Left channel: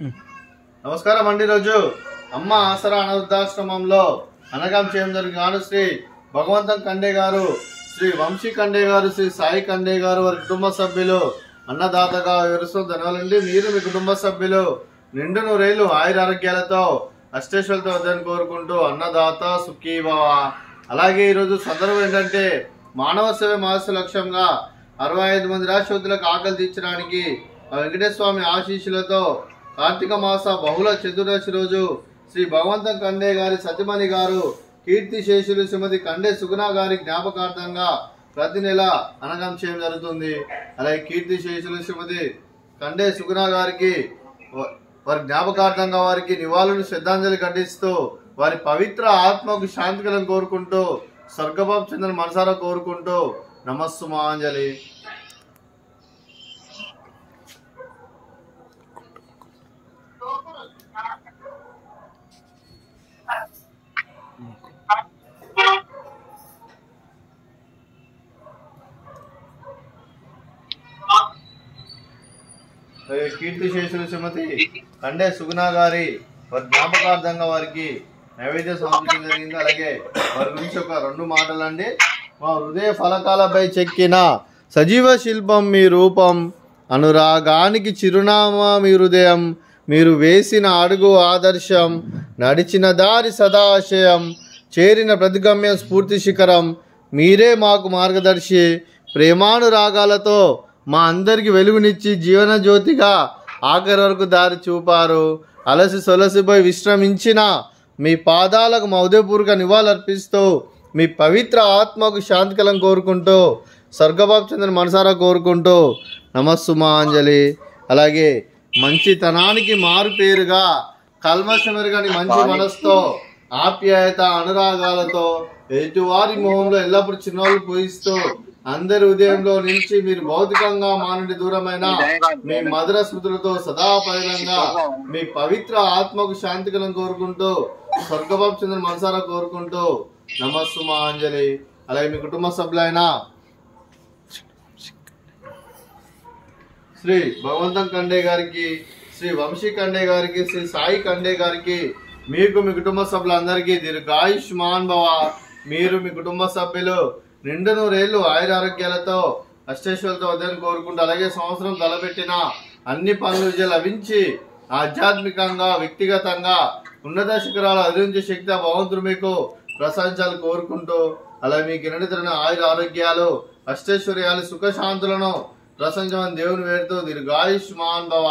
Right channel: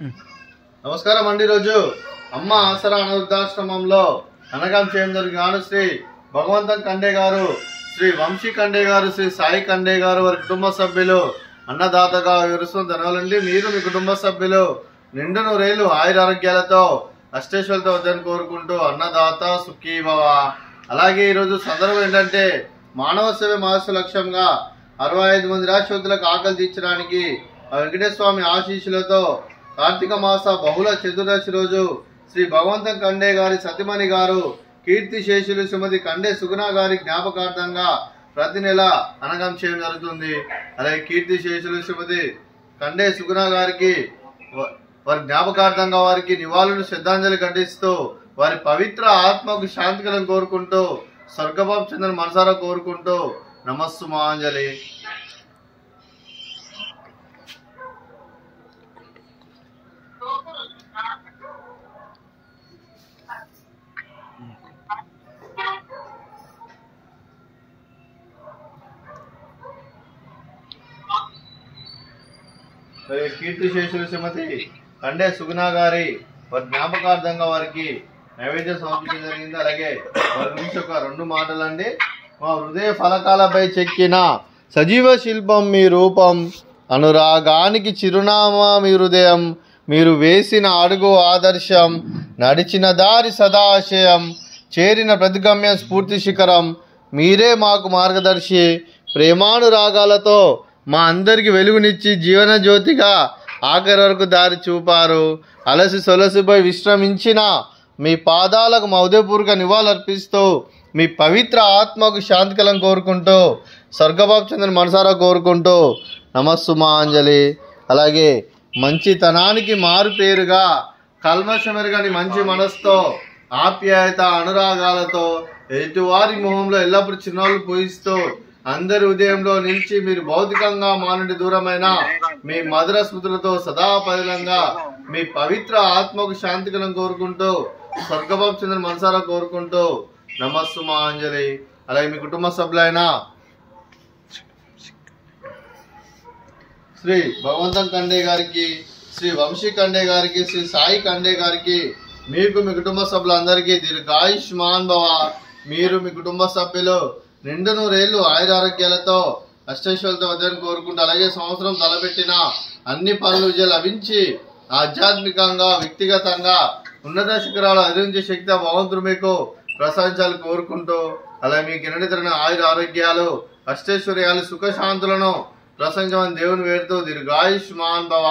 నమస్కారం అండి. రోజు అమ్మ ఆసరా అనాథాశ్రమంలో అనగం చేయడం జరిగిన శ్రీ భగవంతం కండే గారు, శ్రీ వంశీ కండే గారు, శ్రీ సాయి కండే గారు వారి కుటుంబ సభ్యులు అన్నదాతగా వివరిస్తూ ధనాలండి. మీరు మీ కుటుంబ సభ్యులు నిండు నూరేళ్లు ఆయురారోగ్యాలతో అష్టేశ్వరులతో వద్దని కోరుకుంటూ అన్నదాత సుఖీ భవ. అలాగే ఈరోజు సందర్భం ఏంటంటే మానవ సేవ మహస్సు లక్ష్యంగా 65 మంది రాష్ట్రపతులకు ఆకలి తీర్చడానికి వెంకటేశ్వర స్వామి ఆశీస్సులతో కార్తీక మాస బహుళ చతుర్దశి రోజు శ్రీ భగవంతం కండే గారి సతిమణి గారు కీర్తి శేషులు శ్రీమతి కండే సుగుణ గారి జ్ఞాపకార్థంగా ప్రతి నెల అనగం చేయడం జరుగుతుంది. అలాగే కీర్తి శేషులు శ్రీమతి కండే సుగుణ గారికి వారి జ్ఞాపకార్థంగా వారికి నివాళులు శ్రద్ధాంజలి ఘటిస్తూ వారి పవిత్ర ఆత్మకు శాంతి కలను కోరుకుంటూ స్వర్గభావం చెందిన మనసారా కోరుకుంటూ నమస్సుమాంజలి. కీర్తి శేషులు శ్రీమతి కండే సుగుణ గారి వారి జ్ఞాపకార్థంగా వారికి నైవేద్యం సమర్పించడం జరిగింది. అలాగే వారి గురించి ఒక 2 మాటలండి. మా హృదయ ఫలకాలపై చెక్కిన సజీవ శిల్పం మీ రూపం, అనురాగానికి చిరునామా మీ హృదయం, మీరు వేసిన అడుగు ఆదర్శం, నడిచిన దారి సదాశయం, చేరిన ప్రతిగమ్యం స్ఫూర్తి శిఖరం, మీరే మాకు మార్గదర్శి, ప్రేమానురాగాలతో మా అందరికి వెలుగునిచ్చి జీవన జ్యోతిగా ఆఖరి వరకు దారి చూపారు. అలసి సొలసిపోయి విశ్రమించిన మీ పాదాలకు మా ఉదయపూర్వక నివాళులర్పిస్తూ మీ పవిత్ర ఆత్మకు శాంతి కలం కోరుకుంటూ స్వర్గభావం చెందిన మనసారా కోరుకుంటూ నమస్సుమాంజలి. అలాగే మంచితనానికి మారు పేరుగా కల్మషమెరుగని మంచి మనసుతో ఆప్యాయత అనురాగాలతో ఎదుటివారి మొహంలో ఎల్లప్పుడూ చిరునవ్వులు పూయిస్తూ అందరి ఉదయంలో నిలిచి మీరు భౌతికంగా మా నుండి దూరమైన మీ మధుర స్మృతులతో సదా పదిలంగా మీ పవిత్ర ఆత్మకు శాంతి కలను కోరుకుంటూ స్వర్గభావం చెందిన మనసారా కోరుకుంటూ నమస్సుమాంజలి. అలాగే మీ కుటుంబ సభ్యులైన శ్రీ భగవంతం కండే గారికి, శ్రీ వంశీ కండే గారికి, శ్రీ సాయి కండే గారికి, మీకు మీ కుటుంబ సభ్యులందరికీ దీర్ఘాయుష్మాన్ భవ. మీరు మీ కుటుంబ సభ్యులు నిండు నూరేళ్లు ఆయురారోగ్యాలతో అష్టేశ్వరులతో వద్దని కోరుకుంటూ అలాగే సంవత్సరం తలపెట్టిన అన్ని పనులు విజయం లభించి ఆధ్యాత్మికంగా వ్యక్తిగతంగా ఉన్నత శిఖరాలు అధిరించే శక్తి భగవంతుడు మీకు ప్రసాదించాలని కోరుకుంటూ అలాగే మీకు ఎన్నడితరమైన ఆయుర ఆరోగ్యాలు అష్టైశ్వర్యాలు సుఖశాంతులను ప్రసంగమని దేవుని వేడుతూ దీర్ఘాయుష్మాన్ భవ.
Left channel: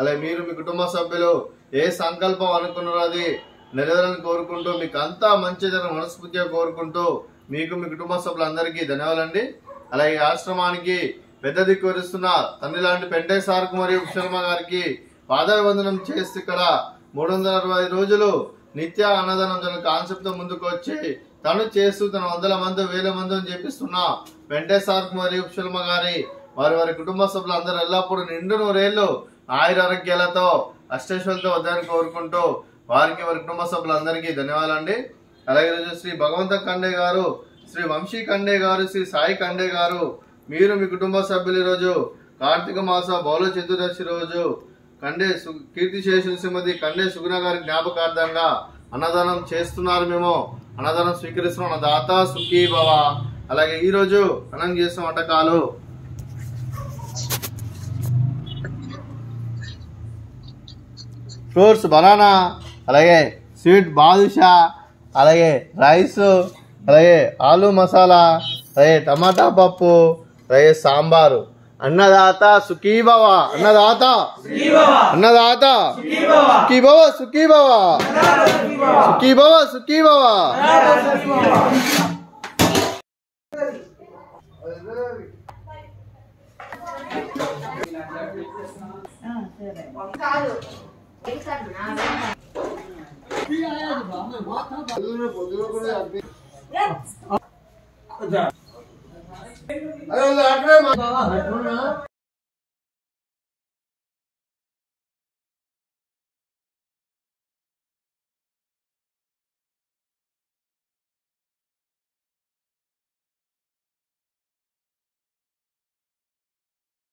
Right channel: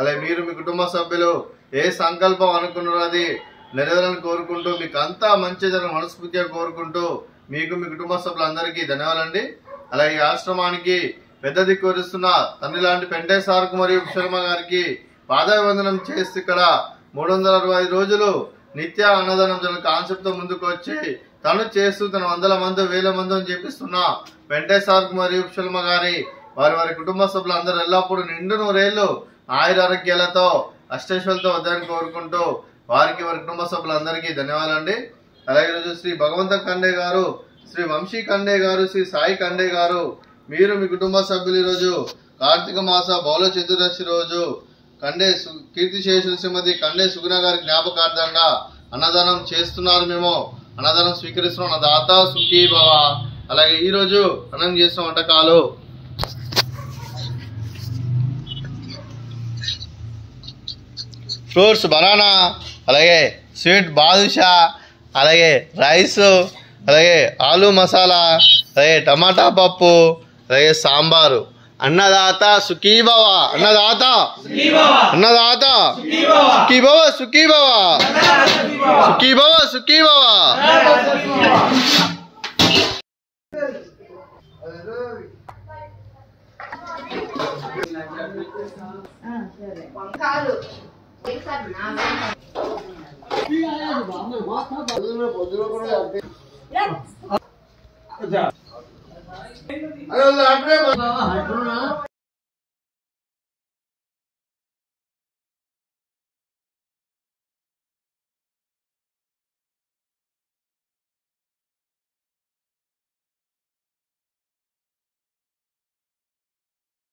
అలాగే మీరు మీ కుటుంబ సభ్యులు ఏ సంకల్పం అనుకున్నారో అది నెరవేరాలని కోరుకుంటూ మీకు అంతా మంచి జరగని మనస్ఫూర్తిగా కోరుకుంటూ మీకు మీ కుటుంబ సభ్యులందరికీ ధన్యవాదాలండి. అలాగే ఆశ్రమానికి పెద్ద దిక్కు వరిస్తున్న తండ్రి లాంటి పెంటే సార్కు మరియు శర్మ గారికి పాదాభివందనం చేసి ఇక్కడ 365 రోజులు నిత్య అన్నదానం తన కాన్సెప్ట్ తో ముందుకు వచ్చి తను చేస్తూ తన 100 మంది 1000 మందిని చేపిస్తున్న పెంటే సార్కు మరియు శర్మ గారి వారి కుటుంబ సభ్యులందరూ ఎల్లప్పుడూ నిండు నూరేళ్లు ఆయురారోగ్యాలతో అష్టైశ్వర్యాలతో వద్దని కోరుకుంటూ వారికి వారి కుటుంబ సభ్యులందరికీ ధన్యవాదాలండి. అలాగే ఈరోజు శ్రీ భగవంతం కండే గారు, శ్రీ వంశీ కండే గారు, శ్రీ సాయి కండే గారు, మీరు మీ కుటుంబ సభ్యులు ఈరోజు కార్తీక మాస బహుళ చతుర్దశి రోజు కండే కీర్తి శేషులు శ్రీమతి కండే సుగుణ గారి జ్ఞాపకార్థంగా అన్నదానం చేస్తున్నారు. మేము అన్నదానం స్వీకరిస్తున్నాం. అన్నదాత సుఖీ భవ. అలాగే ఈరోజు అన్నం చేసిన వంటకాలు ఫ్రూట్స్ బనానా, అలాగే స్వీట్ బాదుషా, అలాగే రైస్, అలాగే ఆలు మసాలా, అలాగే టమాటా పప్పు, అలాగే సాంబారు. అన్నదాత సుఖీ భవ. అన్నదాత అన్నదాత సుఖీ భవ సుఖీ భవ సుఖీ భవ సుఖీ భవ.